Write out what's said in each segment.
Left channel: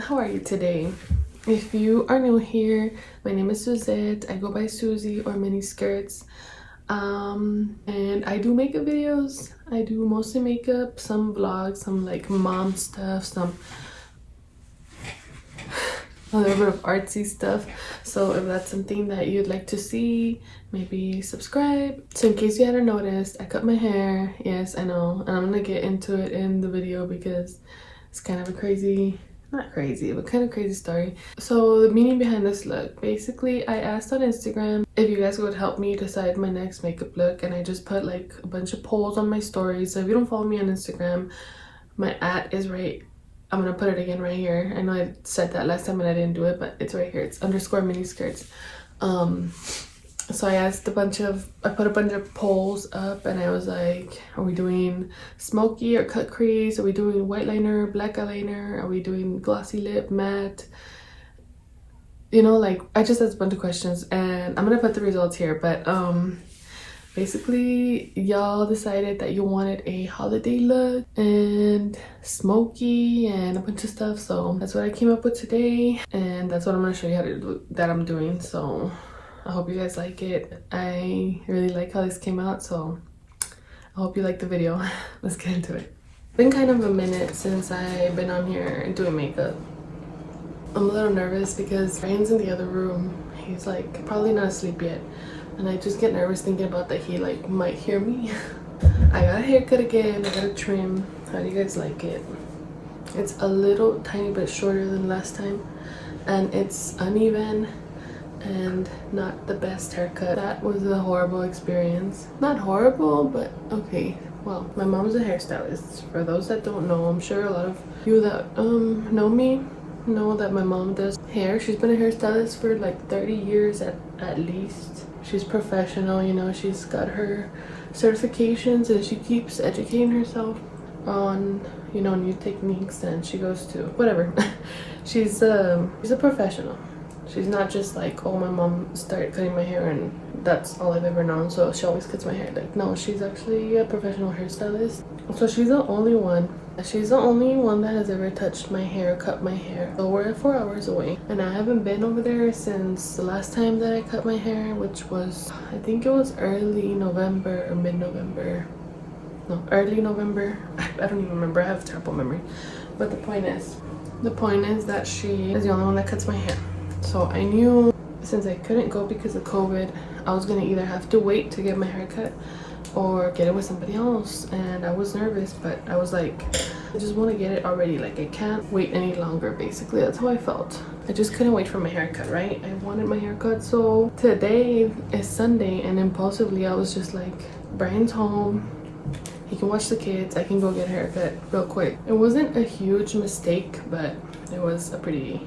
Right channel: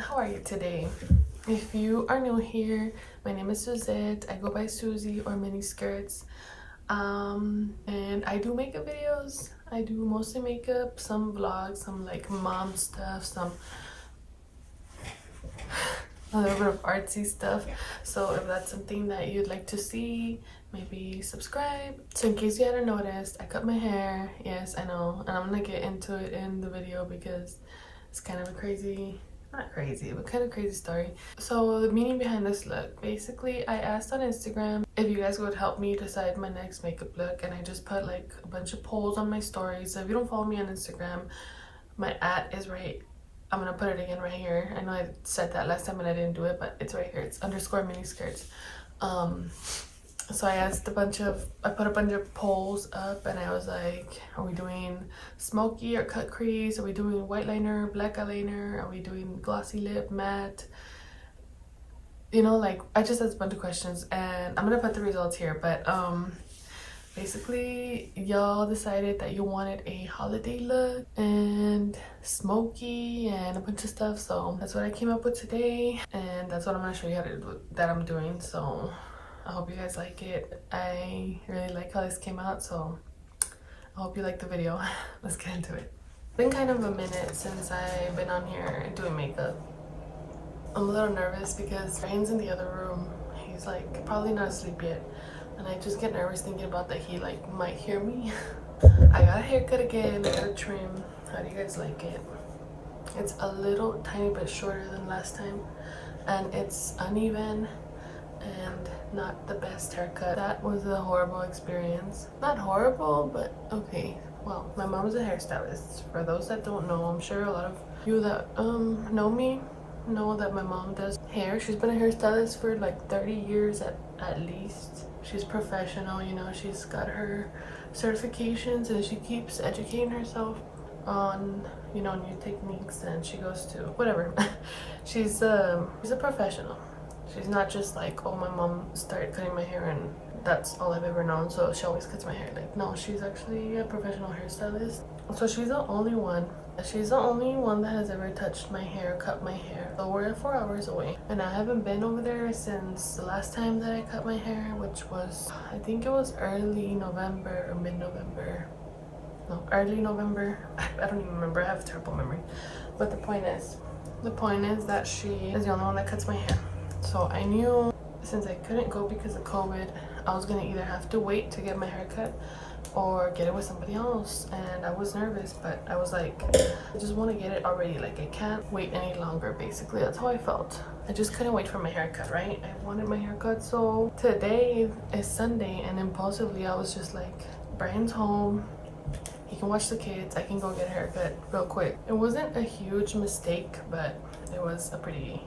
How are you today? If you are new here, my name is Suzette. I go by Susie or Mini Skirts. And I do makeup videos. I do mostly makeup, some vlogs, some like mom stuff, some a little bit of artsy stuff. So if that's something that you'd like to see, maybe subscribe. So in case you hadn't noticed, I cut my hair. Yes, I know, and I'm gonna get into it in the video because it's kind of a crazy, not crazy, but kind of crazy story. So the meaning behind this look, basically I asked on Instagram if you guys would help me decide my next makeup look, and I just put like a bunch of polls on my stories. So if you don't follow me on Instagram, my @ is right. I'm gonna put it again right here. I know I said that last time and I didn't do it, but it's right here. It's _miniskirts. So I asked I put a bunch of polls up, and I was like, are we doing smoky or cut crease? Are we doing white liner, black eyeliner? Are we doing glossy lip, matte? You know, like I just asked a bunch of questions, and I'm gonna put the results here. But basically y'all decided that you wanted a holiday look and smoky and a bunch of stuff, so that's what I came up with today, and that's what I'm gonna show you how to do, that I'm doing. So I hope you guys like it. I really like how this came out, so I hope you like the video. Let's get into it. It's been kind of a minute since I've been on here doing makeup. I'm a little nervous because Ryan's in the other room. He's like probably not asleep yet, and I just get nervous thinking about that he like might hear me. I got a haircut again. I got a trim. How do you guys like it? It's a little tiny bit shorter than last time, and it's uneven and not the best haircut. That was a horrible experience. Not horrible, but okay. Well, my mom's a hairstylist. For those that don't know, I'm sure a lot of you that know me know that my mom does hair. She's been a hairstylist for like 30 years at least. She's professional, you know. She's got her certifications and she keeps educating herself on, you know, new techniques, and she goes to whatever. she's a professional. She's not just like, oh, my mom started cutting my hair and that's all I've ever known, so she always cuts my hair. Like, no, she's actually a professional hairstylist. So she's the only one that has ever touched my hair, cut my hair. So we're 4 hours away, and I haven't been over there since the last time that I cut my hair, which was, I think it was early November or mid-November. No, early November. I don't even remember. I have terrible memory. But the point is that she is the only one that cuts my hair. So I knew since I couldn't go because of COVID, I was gonna either have to wait to get my hair cut or get it with somebody else, and I was nervous, but I was like, I just want to get it already. Like, I can't wait any longer. Basically, that's how I felt. I just couldn't wait for my haircut, right? I wanted my haircut. So today is Sunday, and impulsively I was just like, Brian's home, he can watch the kids, I can go get a haircut real quick. It wasn't a huge mistake, but it was a pretty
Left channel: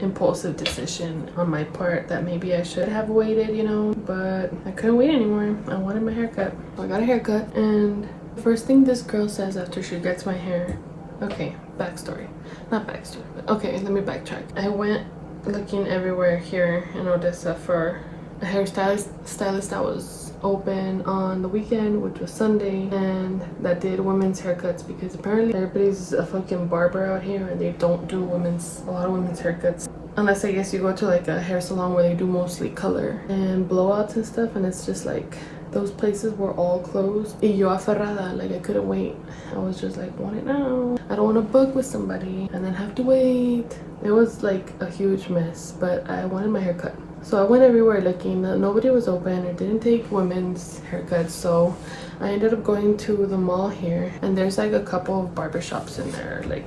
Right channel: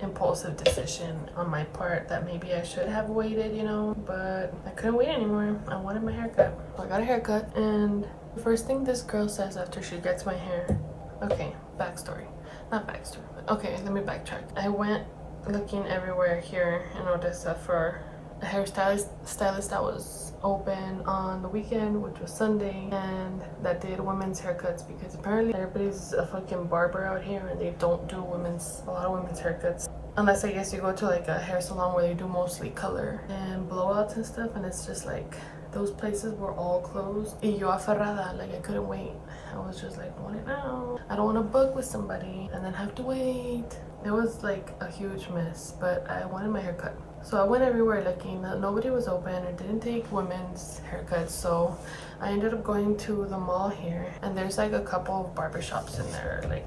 impulsive decision on my part that maybe I should have waited, you know, but I couldn't wait anymore. I wanted my haircut. So I got a haircut, and the first thing this girl says after she gets my hair, okay, backstory, not backstory, but okay, let me backtrack. I went looking everywhere here in Odessa for a hairstylist that was open on the weekend, which was Sunday, and that did women's haircuts, because apparently everybody's a fucking barber out here and they don't do a lot of women's haircuts, unless I guess you go to like a hair salon where they do mostly color and blowouts and stuff, and it's just like those places were all closed. Y yo aferrada, like I couldn't wait. I was just like, want it now. I don't want to book with somebody and then have to wait. It was like a huge mess, but I wanted my haircut. So I went everywhere looking. Nobody was open. It didn't take women's haircuts, so I ended up going to the mall here, and there's like a couple of barber shops in there, like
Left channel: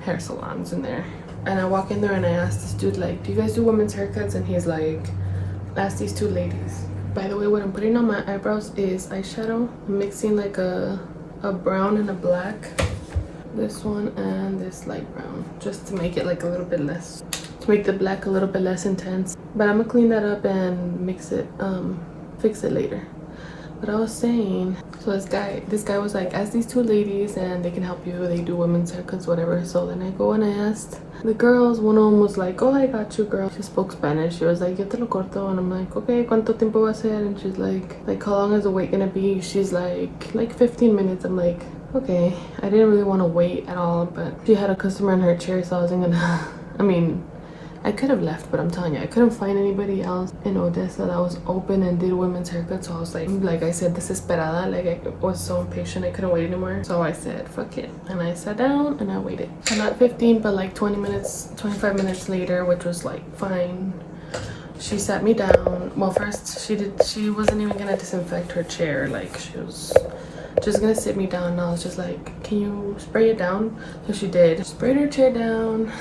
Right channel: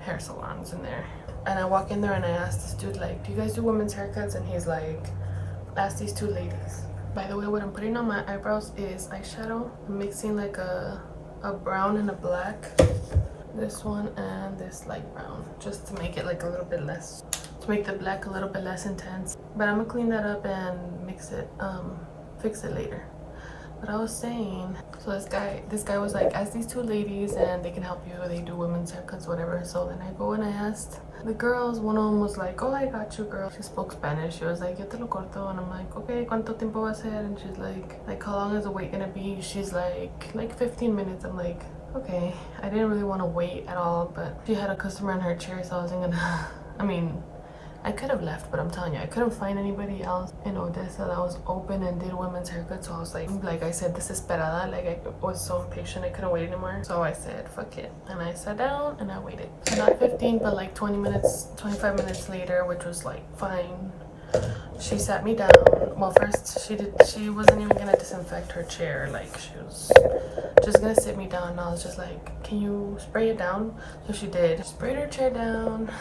hair salons in there. And I walk in there and I asked this dude, like, do you guys do women's haircuts? And he's like, ask these two ladies. By the way, what I'm putting on my eyebrows is eyeshadow. I'm mixing like a brown and a black. This one and this light brown, just to make it like a little bit less, to make the black a little bit less intense. But I'm gonna clean that up and mix it, fix it later. But I was saying, so this guy was like, ask these two ladies and they can help you. They do women's haircuts, whatever. So then I go and I asked the girls. One of them was like, oh, I got you, girl. She spoke Spanish. She was like, yo te lo corto. And I'm like, okay, ¿cuánto tiempo va a ser? And she's like, how long is the wait gonna be? She's like 15 minutes. I'm like, okay, I didn't really want to wait at all, but she had a customer in her chair, so I wasn't gonna I mean, I could have left, but I'm telling you, I couldn't find anybody else in Odessa that was open and did women's haircuts. So I was like I said, desesperada. Like I was so impatient, I couldn't wait anymore. So I said, fuck it, and I sat down and I waited. And not 15, but like 20 minutes, 25 minutes later, which was like fine. She sat me down. Well, first she wasn't even gonna disinfect her chair. Like she was just gonna sit me down. And I was just like, can you spray it down? So she did. Sprayed her chair down.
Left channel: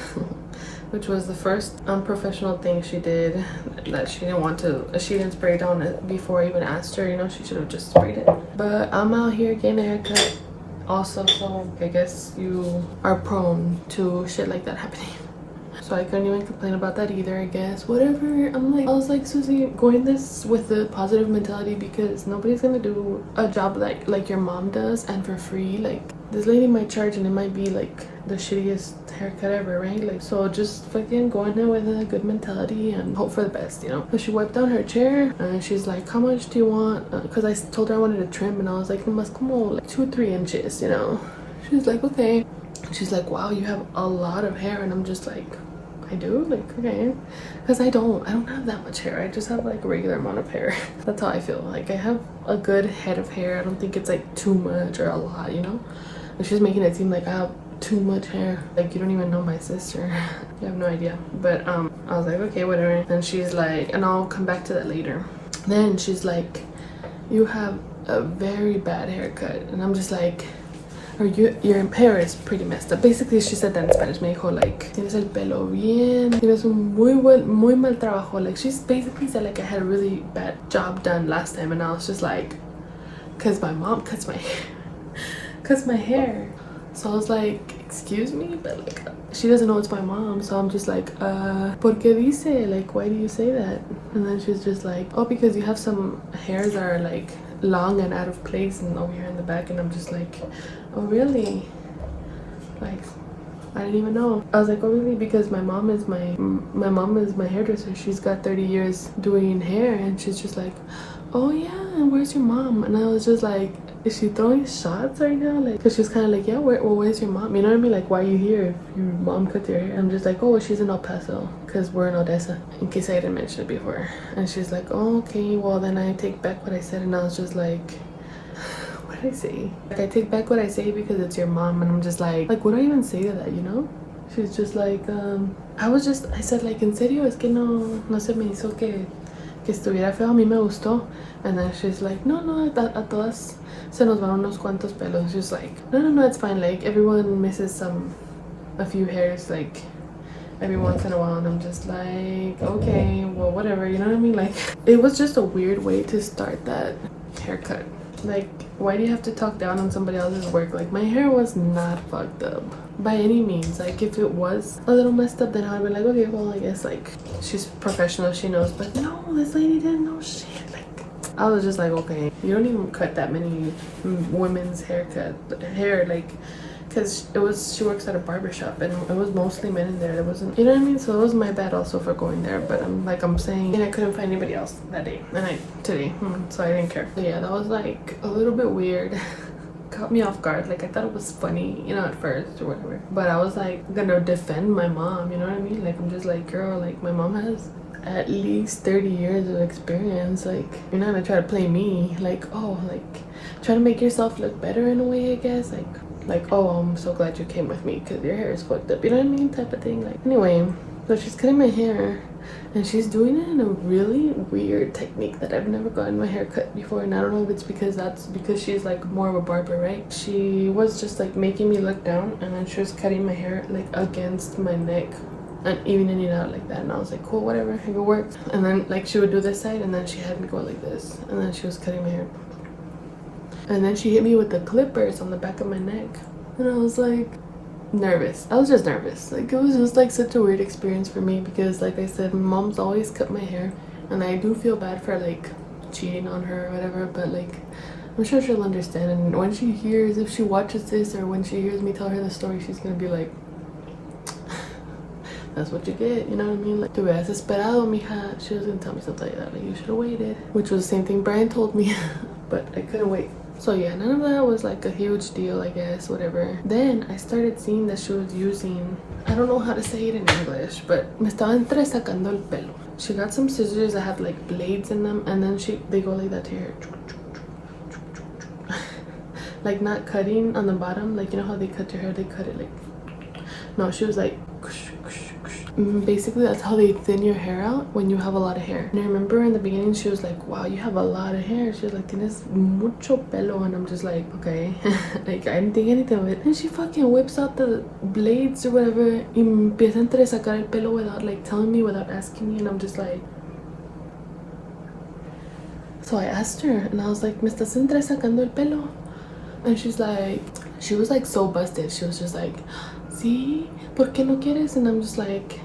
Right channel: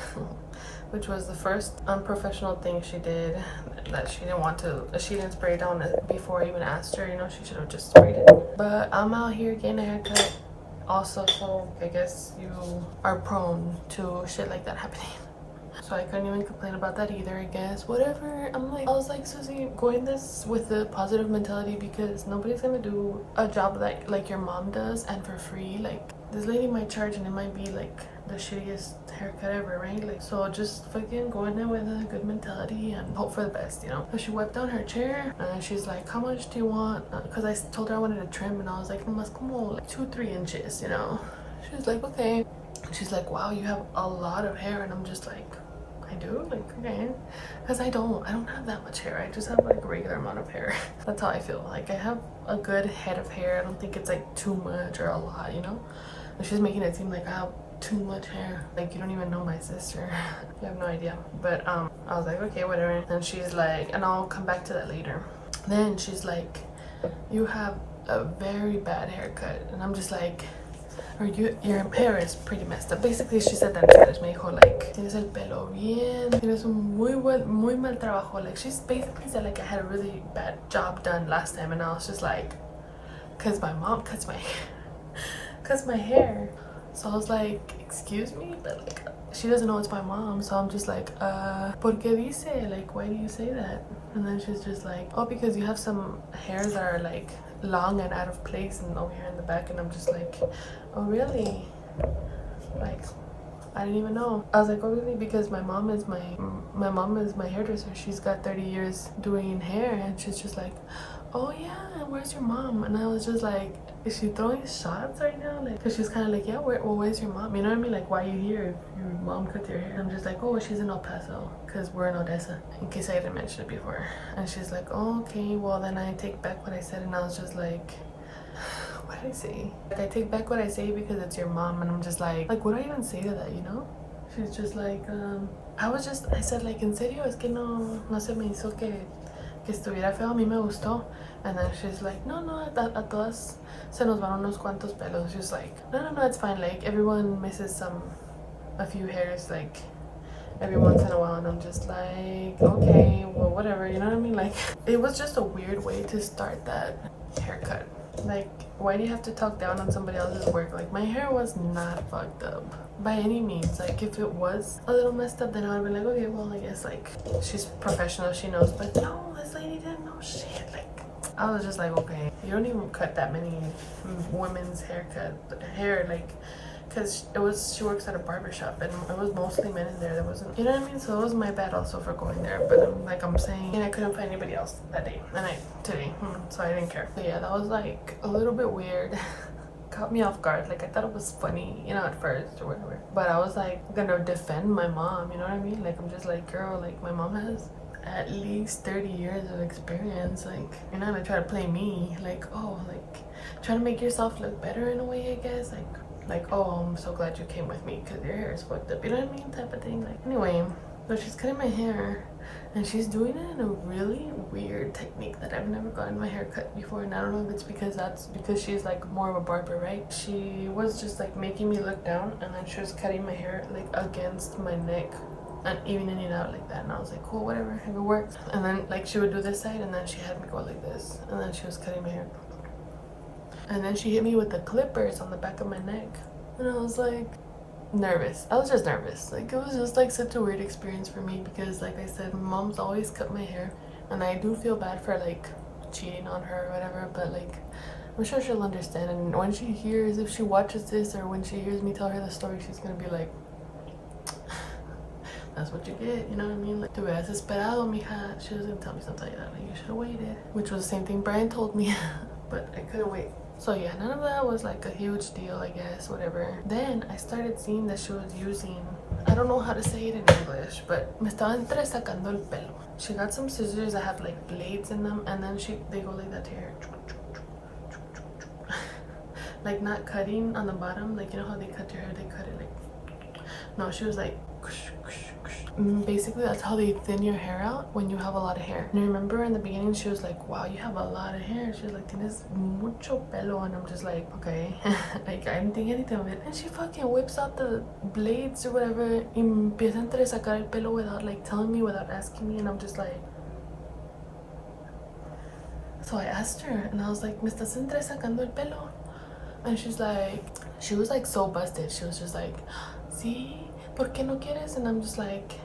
Which was the first unprofessional thing she did, that she didn't want to, she didn't spray it down before I even asked her, you know, she should have just sprayed it. But I'm out here getting a haircut also, so I guess you are prone to shit like that happening. So I couldn't even complain about that either, I guess. Whatever. I was like, Susie, going this with the positive mentality, because nobody's gonna do a job like your mom does and for free. Like, this lady might charge and it might be like the shittiest haircut ever, right? Like, so just fucking go in there with a good mentality and hope for the best, you know? So she wiped down her chair and she's like, how much do you want? Because I told her I wanted a trim, and I was like, más como like 2-3 inches, you know? She's like, okay. She's like, wow, you have a lot of hair. And I'm just like, I do? Like, okay. Because I don't have that much hair. I just have like a regular amount of hair. That's how I feel. Like, I have a good head of hair. I don't think it's like too much or a lot, you know? And she's making it seem like I have too much hair. Like, you don't even know my sister. You have no idea. But I was like, okay, whatever. And she's like, and I'll come back to that later. Then she's like, you have a very bad haircut. And I'm just like, or your hair is pretty messed up. Basically, she said that in Spanish. Me dijo, like, tienes el pelo bien, tienes un muy mal trabajo. Like, she's basically said like I had a really bad job done last time, and I was just like, cause my mom cuts my hair. So I was like, excuse me, but like, she doesn't know it's my mom. So I'm just like, ¿por qué dice? Like, why do you say that? And then she's just like, oh, because you have some hairs that are like long and out of place and over here in the back. And I'm just like, oh really? Like, I didn't even know. I was like, oh really? Because my mom is my hairdresser. She's got 30 years doing hair. And she's just like, oh yeah, and where's your mom? And I was just like, is she throwing shots right now? Like, cause she's kind of like, yeah, where's your mom? You know what I mean? Like, why are you here if your mom cut your hair? I'm just like, oh, she's in El Paso, cause we're in Odessa, in case I didn't mention it before. And she's like, oh, okay, well then I take back what I said. And I was just like, what did I say? Like, I take back what I say because it's your mom. And I'm just like, what do I even say to that, you know? She's just like, I said like, en serio, es que no se me hizo que estuviera feo, a mí me gustó. And then she's like, no, a todas se nos van unos cuantos pelos. She's like, no, it's fine. Like, everyone misses a few hairs, like, every once in a while. And I'm just like, okay, well, whatever, you know what I mean? Like, it was just a weird way to start that haircut. Like, why do you have to talk down on somebody else's work? Like, my hair was not fucked up by any means. Like, if it was a little messed up, then I would be like, okay, well, I guess like she's professional, she knows. But no, this lady didn't know shit. Like, I was just like, okay, you don't even cut that many women's hair, like, because she works at a barber shop, and it was mostly men in there. There wasn't, you know what I mean? So it was my bad also for going there. But I'm saying, and I couldn't find anybody else that day, and today, so I didn't care. So yeah, that was like a little bit weird. Caught me off guard. Like, I thought it was funny, you know, at first or whatever, but I was like gonna defend my mom, you know what I mean? Like, I'm just like, girl, like, my mom has at least 30 years of experience. Like, you're not gonna try to play me. Like, oh, like, try to make yourself look better in a way, I guess. Like, oh, I'm so glad you came with me because your hair is fucked up, you know what I mean, type of thing. Like, anyway, so she's cutting my hair, and she's doing it in a really weird technique that I've never gotten my hair cut before. And I don't know if it's because she's like more of a barber, right? She was just like making me look down, and then she was cutting my hair like against my neck and evening it out like that. And I was like, cool, whatever, it works. And then like she would do this side, and then she had me go like this, and then she was cutting my hair, and then she hit me with the clippers on the back of my neck. And I was like, nervous. I was just nervous. Like, it was just like such a weird experience for me, because like I said, mom's always cut my hair, and I do feel bad for like cheating on her or whatever, but like, I'm sure she'll understand. And when she hears, if she watches this, or when she hears me tell her the story, she's gonna be like, that's what you get, you know what I mean? Like, te hubieras esperado, mija. She was gonna tell me something like that, like, you should have waited, which was the same thing Brian told me. But I couldn't wait. So yeah, none of that was like a huge deal, I guess, whatever. Then I started seeing that she was using, I don't know how to say it in English, but me estaba entresacando el pelo. She got some scissors that have like blades in them, and then they go like that to your like not cutting on the bottom, like you know how they cut your hair, they cut it like, no, she was like basically that's how they thin your hair out when you have a lot of hair. And I remember in the beginning she was like, wow, you have a lot of hair. She was like, tienes mucho pelo. And I'm just like, okay. Like I didn't think anything of it. And she fucking whips out the blades or whatever y empieza a entresacar el pelo without like telling me, without asking me. And I'm just like, so I asked her and I was like, me estás entresacando el pelo? And she's like, she was like so busted. She was just like, sí, ¿por qué no quieres? And I'm just like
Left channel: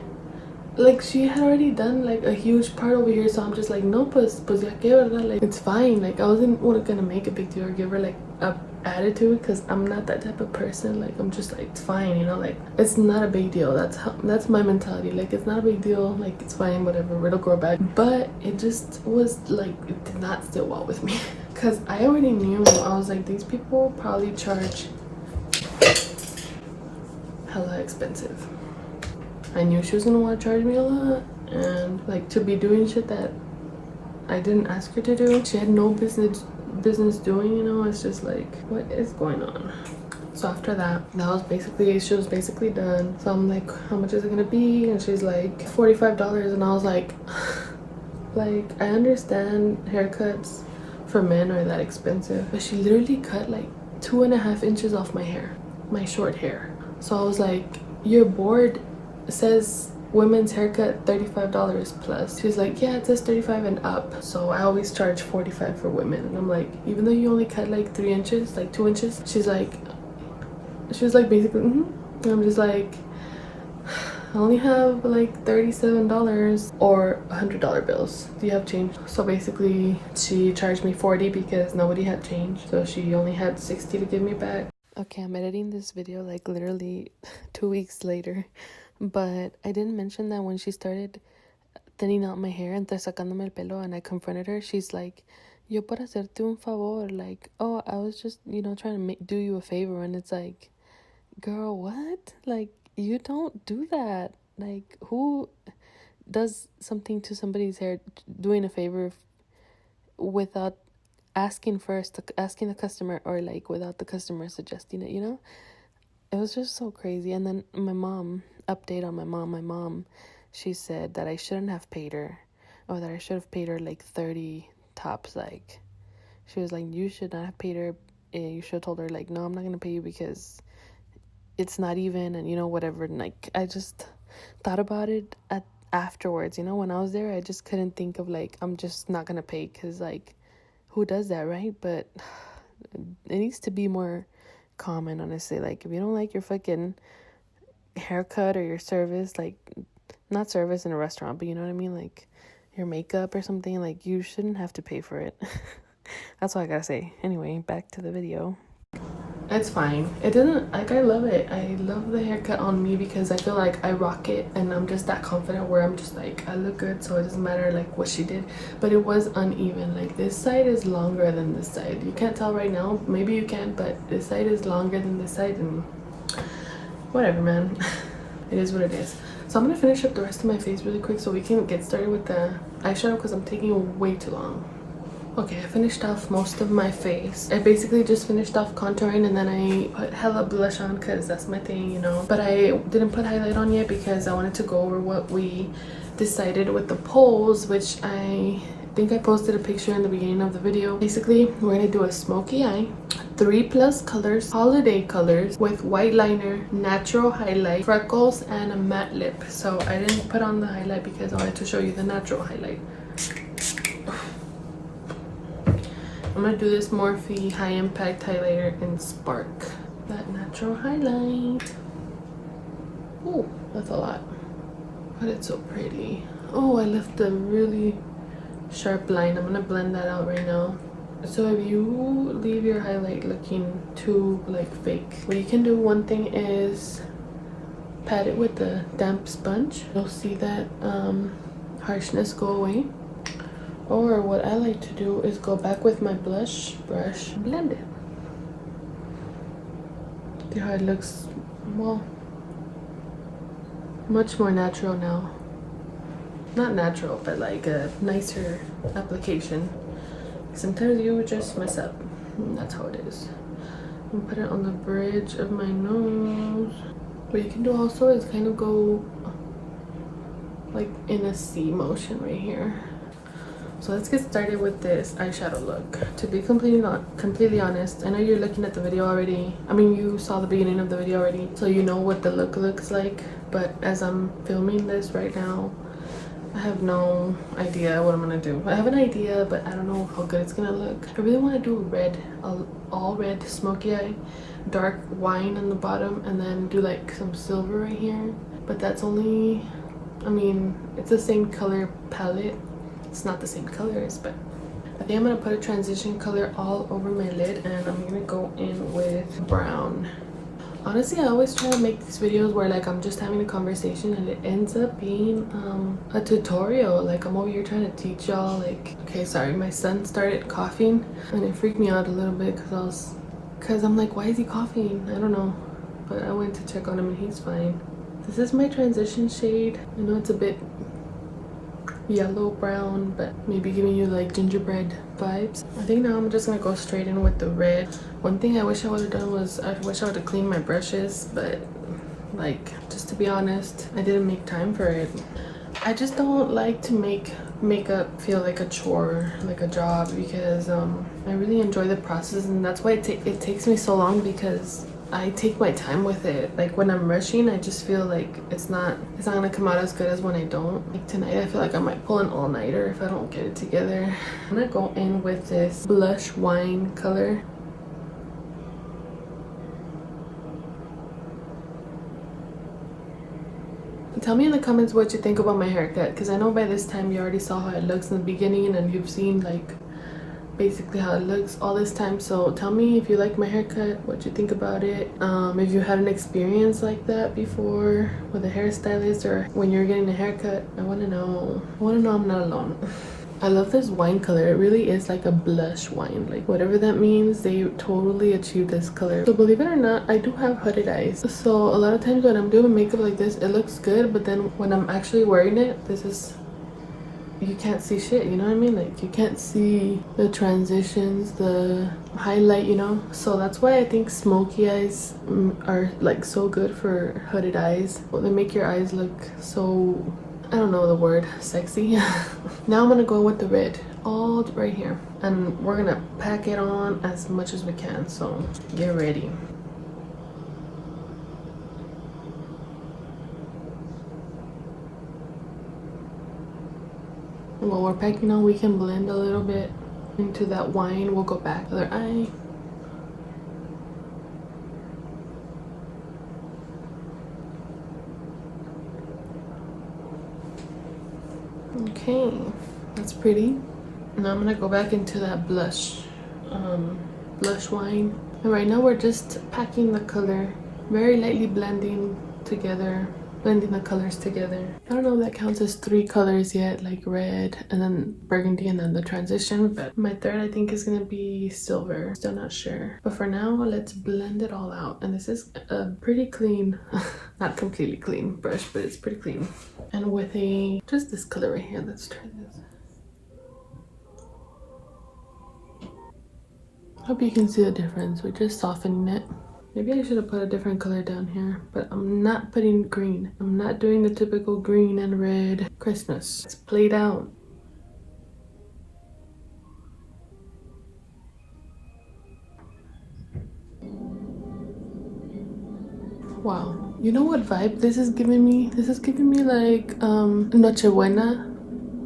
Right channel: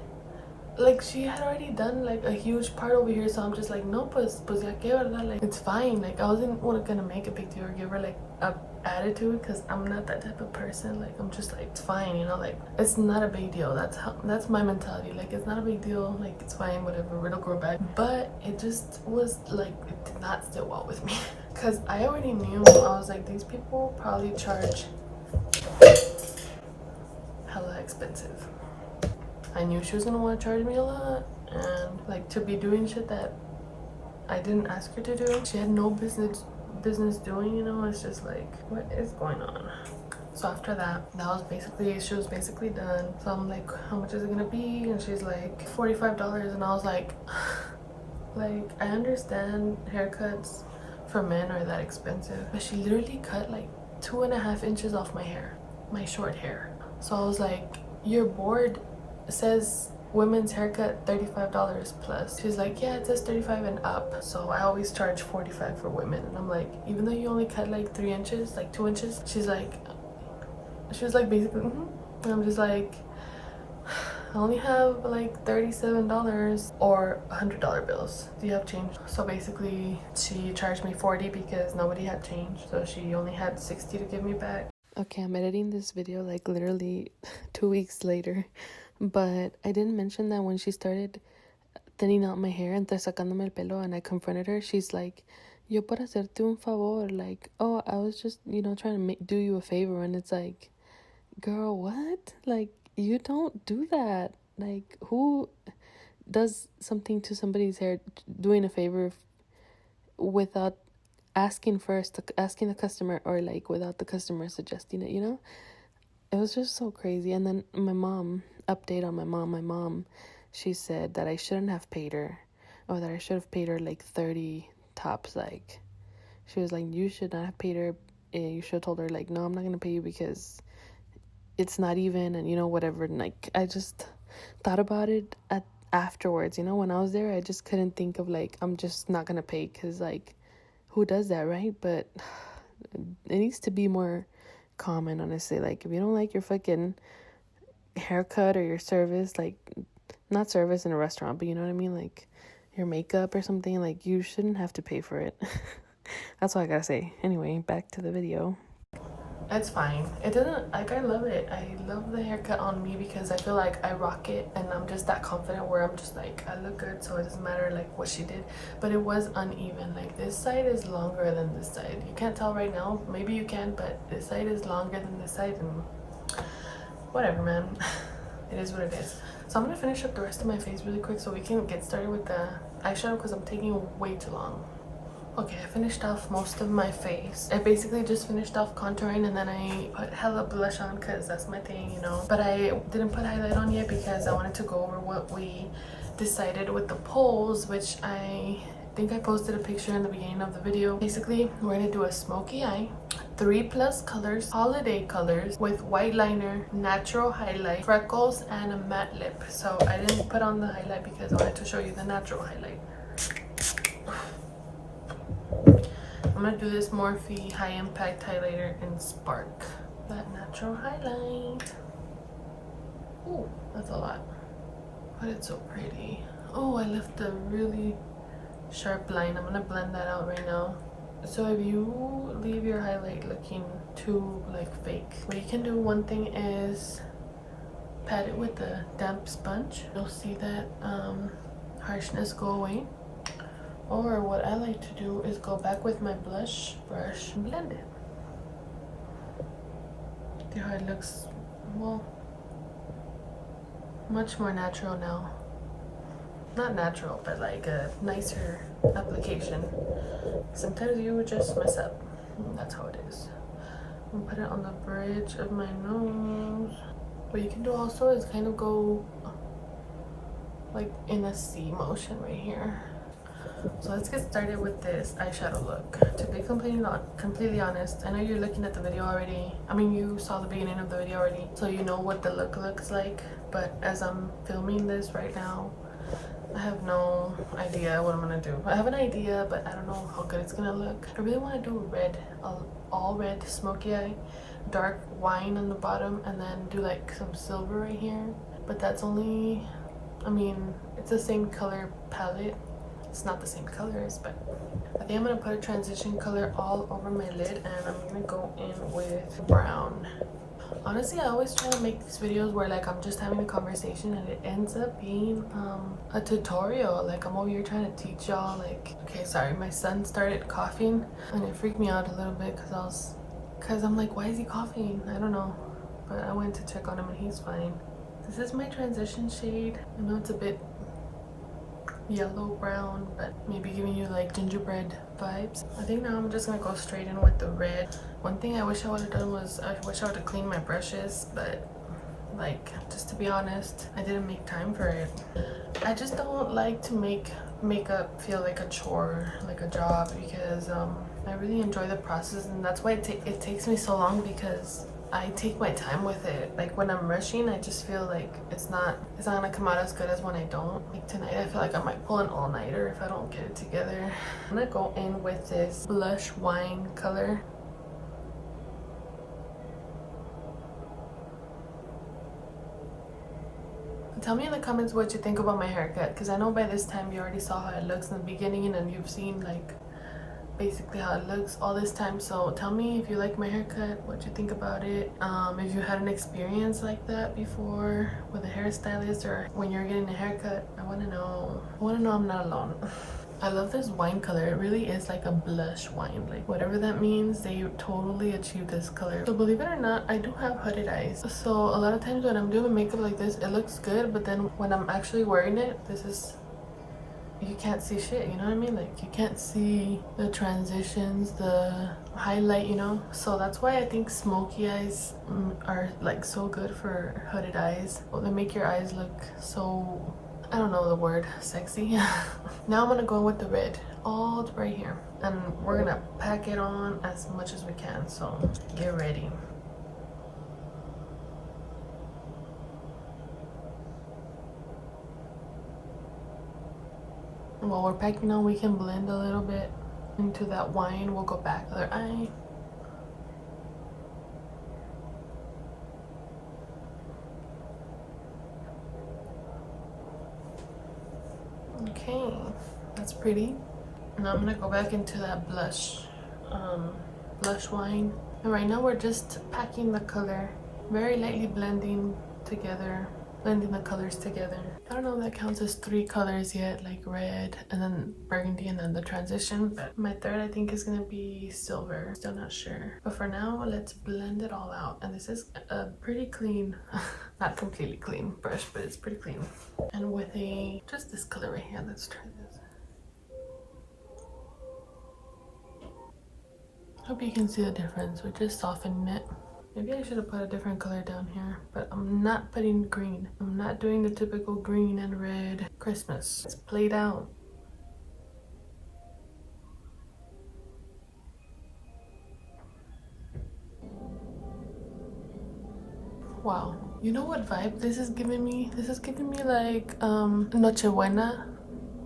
she had already done like a huge part over here, so I'm just like, no, pues ya que, verdad, like it's fine. Like I wasn't gonna make a big deal or give her like a attitude, because I'm not that type of person. Like I'm just like, it's fine, you know, like it's not a big deal. That's my mentality. Like it's not a big deal, like it's fine, whatever, it'll grow back. But it just was like, it did not sit well with me because I already knew. I was like, these people probably charge hella expensive. I knew she was gonna want to charge me a lot, and like to be doing shit that I didn't ask her to do. She had no business doing, you know. It's just like, what is going on? So after that was basically, she was basically done. So I'm like, how much is it gonna be? And she's like, $45. And I was like, like I understand haircuts for men are that expensive, but she literally cut like 2.5 inches off my hair, my short hair. So I was like, your board says women's haircut $35 plus. She's like, yeah, it says 35 and up, so I always charge 45 for women. And I'm like, even though you only cut like 3 inches, like 2 inches, she was like basically and I'm just like, I only have like $37 or $100 bills. Do you have change? So basically she charged me 40 because nobody had change, so she only had 60 to give me back. Okay, I'm editing this video like literally 2 weeks later, but I didn't mention that when she started thinning out my hair and sacándome el pelo and I confronted her, she's like, yo para hacerte un favor, like, oh, I was just, you know, trying to do you a favor. And it's like, girl, what? Like, you don't do that. Like, who does something to somebody's hair, doing a favor without asking first, asking the customer, or like without the customer suggesting it, you know? It was just so crazy. And then my mom, update on my mom, she said that I shouldn't have paid her, or that I should have paid her like 30 tops. Like, she was like, you should not have paid her. You should have told her like, no, I'm not gonna pay you because it's not even, and you know, whatever. And like, I just thought about it afterwards, you know. When I was there, I just couldn't think of like, I'm just not gonna pay, because like, who does that, right? But it needs to be more common, honestly. Like, if you don't like your fucking haircut or your service, like, not service in a restaurant, but you know what I mean, like your makeup or something, like, you shouldn't have to pay for it. That's all I gotta say. Anyway, back to the video. It's fine. It didn't, like, I love it. I love the haircut on me because I feel like I rock it, and I'm just that confident where I'm just like, I look good, so it doesn't matter like what she did. But it was uneven. Like, this side is longer than this side. You can't tell right now, maybe you can, but this side is longer than this side, and whatever, man. It is what it is. So I'm gonna finish up the rest of my face really quick so we can get started with the eyeshadow, because I'm taking way too long. Okay, I finished off most of my face. I basically just finished off contouring, and then I put hella blush on because that's my thing, you know. But I didn't put highlight on yet because I wanted to go over what we decided with the polls, which I think I posted a picture in the beginning of the video. Basically, we're gonna do a smoky eye, 3+ colors, holiday colors, with white liner, natural highlight, freckles, and a matte lip. So I didn't put on the highlight because I wanted to show you the natural highlight. I'm gonna do this Morphe High Impact Highlighter in Spark. That natural highlight. Oh, that's a lot. But it's so pretty. Oh, I left a really sharp line. I'm gonna blend that out right now. So if you leave your highlight looking too like fake, what you can do, one thing is pat it with a damp sponge. You'll see that harshness go away. Or what I like to do is go back with my blush brush and blend it. See how it looks, well, much more natural now. Not natural, but like a nicer application. Sometimes you would just mess up. And that's how it is. I'm gonna put it on the bridge of my nose. What you can do also is kind of go like in a C motion right here. So let's get started with this eyeshadow look. To be completely honest, I know you're looking at the video already. I mean, you saw the beginning of the video already, so you know what the look looks like. But as I'm filming this right now, I have no idea what I'm gonna do. I have an idea, but I don't know how good it's gonna look. I really want to do red, all red smoky eye, dark wine on the bottom, and then do like some silver right here. But that's only, I mean, it's the same color palette. It's not the same colors, but I think I'm gonna put a transition color all over my lid, and I'm gonna go in with brown. Honestly, I always try to make these videos where like I'm just having a conversation and it ends up being a tutorial. Like I'm over here trying to teach y'all. Like, okay, sorry, my son started coughing and it freaked me out a little bit because I'm like, why is he coughing? I don't know, but I went to check on him and he's fine. This is my transition shade. I know it's a bit yellow brown, but maybe giving you like gingerbread vibes. I think now I'm just gonna go straight in with the red. One thing I wish I would have done was I wish I would have cleaned my brushes, but like, just to be honest, I didn't make time for it. I just don't like to make makeup feel like a chore, like a job, because I really enjoy the process, and that's why it takes me so long, because I take my time with it. Like when I'm rushing, I just feel like it's not gonna come out as good as when I don't. Like tonight, I feel like I might pull an all-nighter if I don't get it together. I'm gonna go in with this blush wine color. Tell me in the comments what you think about my haircut, because I know by this time you already saw how it looks in the beginning, and you've seen like basically how it looks all this time. So tell me if you like my haircut, what you think about it, if you had an experience like that before with a hairstylist or when you're getting a haircut. I want to know I'm not alone. I love this wine color. It really is like a blush wine, like whatever that means. They totally achieved this color. So believe it or not, I do have hooded eyes, so a lot of times when I'm doing makeup like this, it looks good, but then when I'm actually wearing it, you can't see shit, you know what I mean? Like you can't see the transitions, the highlight, you know? So that's why I think smoky eyes are like so good for hooded eyes. They make your eyes look so, I don't know the word, sexy. Now I'm gonna go with the red, all right here, and we're gonna pack it on as much as we can, so get ready. While we're packing on, we can blend a little bit into that wine. We'll go back other eye. Okay, that's pretty. Now I'm gonna go back into that blush wine. And right now we're just packing the color, very lightly blending the colors together. I don't know if that counts as 3 colors yet, like red and then burgundy and then the transition, but my third I think is gonna be silver. Still not sure, but for now let's blend it all out. And this is a pretty clean not completely clean brush, but it's pretty clean. And with just this color right here, let's try this. Hope you can see the difference. We're just softening it. Maybe I should have put a different color down here, but I'm not putting green. I'm not doing the typical green and red Christmas. It's played out. Wow. You know what vibe this is giving me? This is giving me like Nochebuena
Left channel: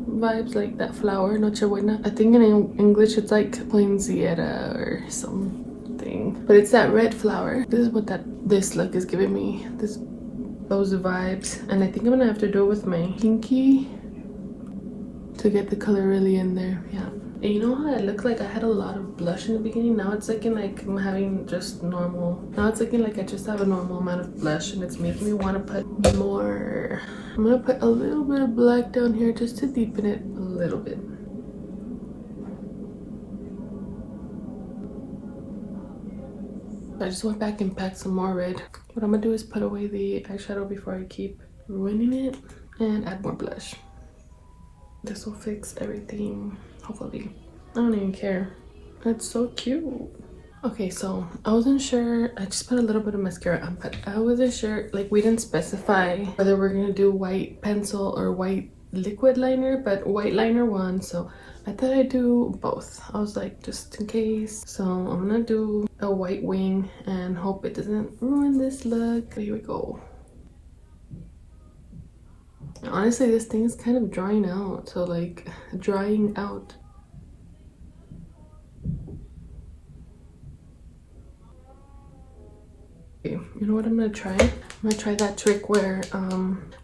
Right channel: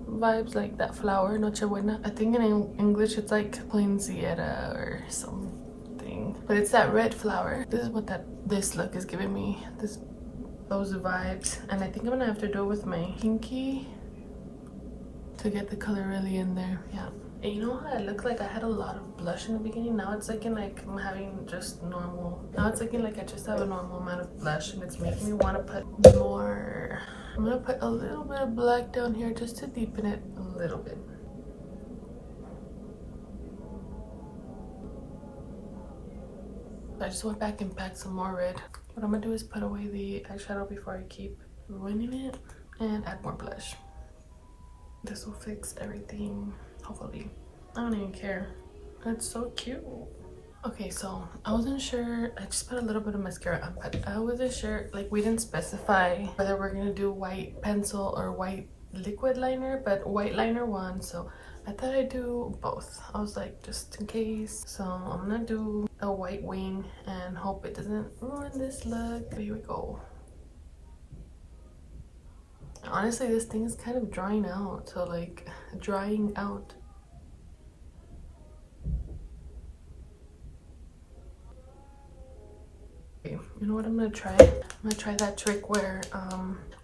vibes, like that flower, Nochebuena. I think in English it's like Poinsettia or something. But it's that red flower. This is what this look is giving me, those vibes. And I think I'm gonna have to do it with my pinky to get the color really in there. Yeah. And you know how I look like I had a lot of blush in the beginning? Now it's looking like I'm having just normal. Now it's looking like I just have a normal amount of blush, and it's making me want to put more. I'm gonna put a little bit of black down here just to deepen it a little bit. I just went back and packed some more red. What I'm gonna do is put away the eyeshadow before I keep ruining it and add more blush. This will fix everything, hopefully. I don't even care. It's so cute. Okay, so I wasn't sure. I just put a little bit of mascara on, but I wasn't sure. Like, we didn't specify whether we're gonna do white pencil or white liquid liner, but white liner won, so I thought I'd do both. I was like, just in case. So I'm gonna do a white wing and hope it doesn't ruin this look. Here we go. Honestly, this thing is kind of drying out, so like drying out. Okay, you know what I'm gonna try? I'm gonna try that trick where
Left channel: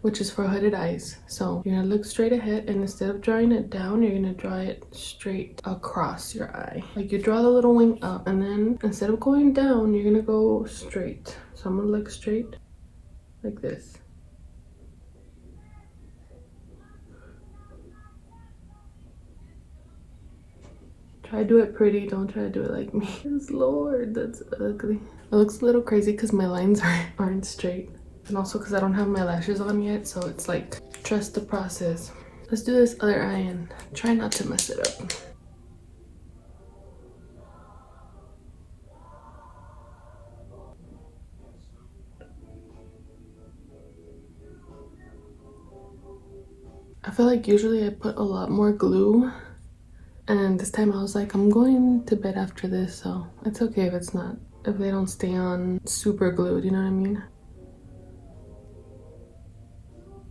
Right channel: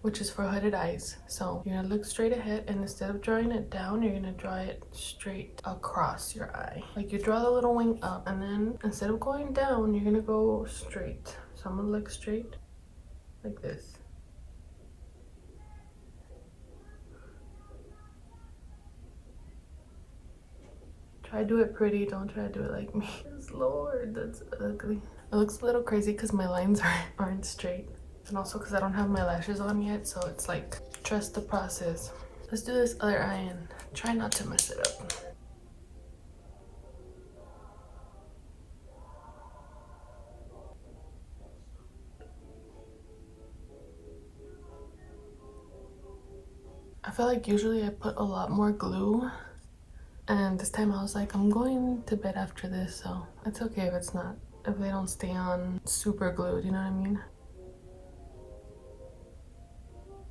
which is for hooded eyes. So you're gonna look straight ahead, and instead of drawing it down, you're gonna draw it straight across your eye. Like, you draw the little wing up, and then instead of going down, you're gonna go straight. So I'm gonna look straight like this. Try to do it pretty, don't try to do it like me. Yes, Lord, that's ugly. It looks a little crazy because my lines aren't straight. And also because I don't have my lashes on yet, so it's like, trust the process. Let's do this other eye and try not to mess it up. I feel like usually I put a lot more glue, and this time I was like, I'm going to bed after this, so it's okay if it's not, if they don't stay on super glued, you know what I mean?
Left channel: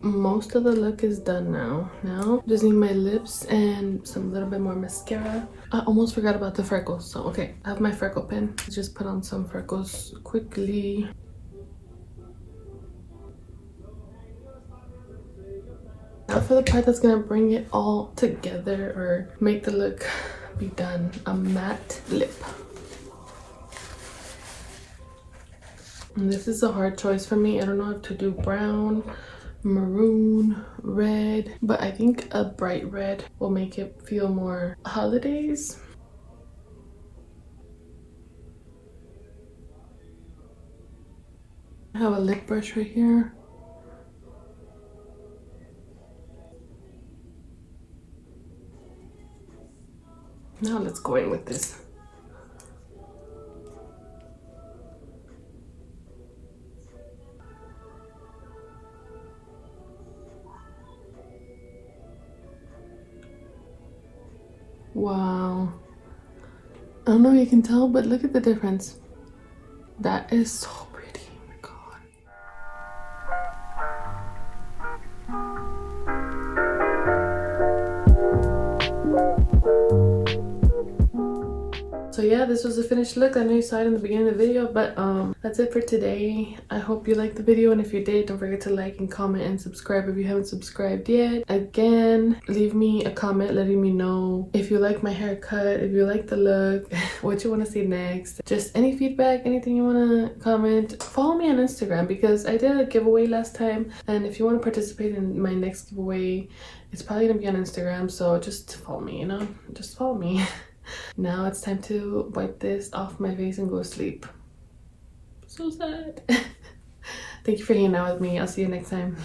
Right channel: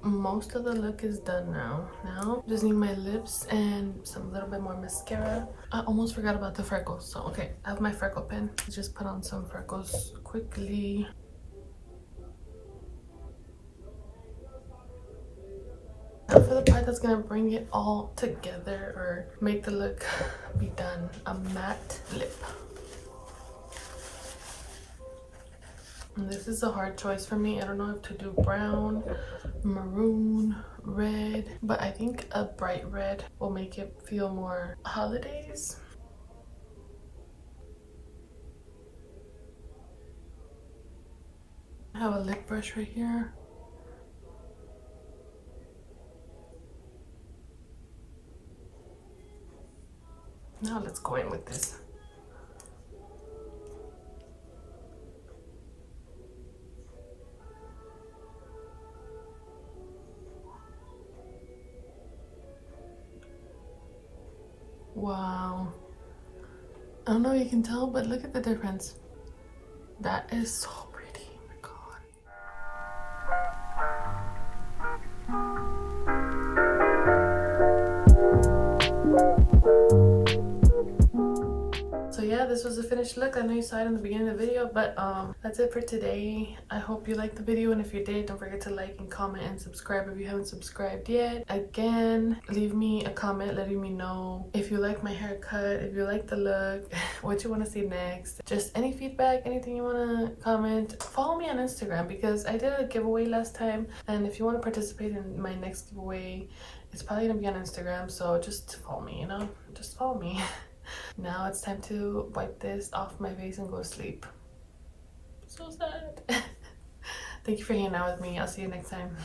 Most of the look is done now. Now just need my lips and some little bit more mascara. I almost forgot about the freckles, so okay, I have my freckle pen. Just put on some freckles quickly. Now for the part that's gonna bring it all together or make the look be done, a matte lip. And this is a hard choice for me. I don't know if to do brown, maroon, red, but I think a bright red will make it feel more holidays. I have a lip brush right here. Now let's go in with this. Wow. I don't know if you can tell, but look at the difference. That is so pretty. Oh my God. So yeah, this was the finished look. I know you saw it in the beginning of the video, but that's it for today. I hope you liked the video, and if you did, don't forget to like and comment and subscribe if you haven't subscribed yet. Again, leave me a comment letting me know if you like my haircut, if you like the look, what you want to see next, just any feedback, anything you want to comment. Follow me on Instagram because I did a giveaway last time, and if you want to participate in my next giveaway, it's probably gonna be on Instagram, so just follow me, you know, just follow me. Now it's time to wipe this off my face and go to sleep. So sad. Thank you for hanging out with me. I'll see you next time.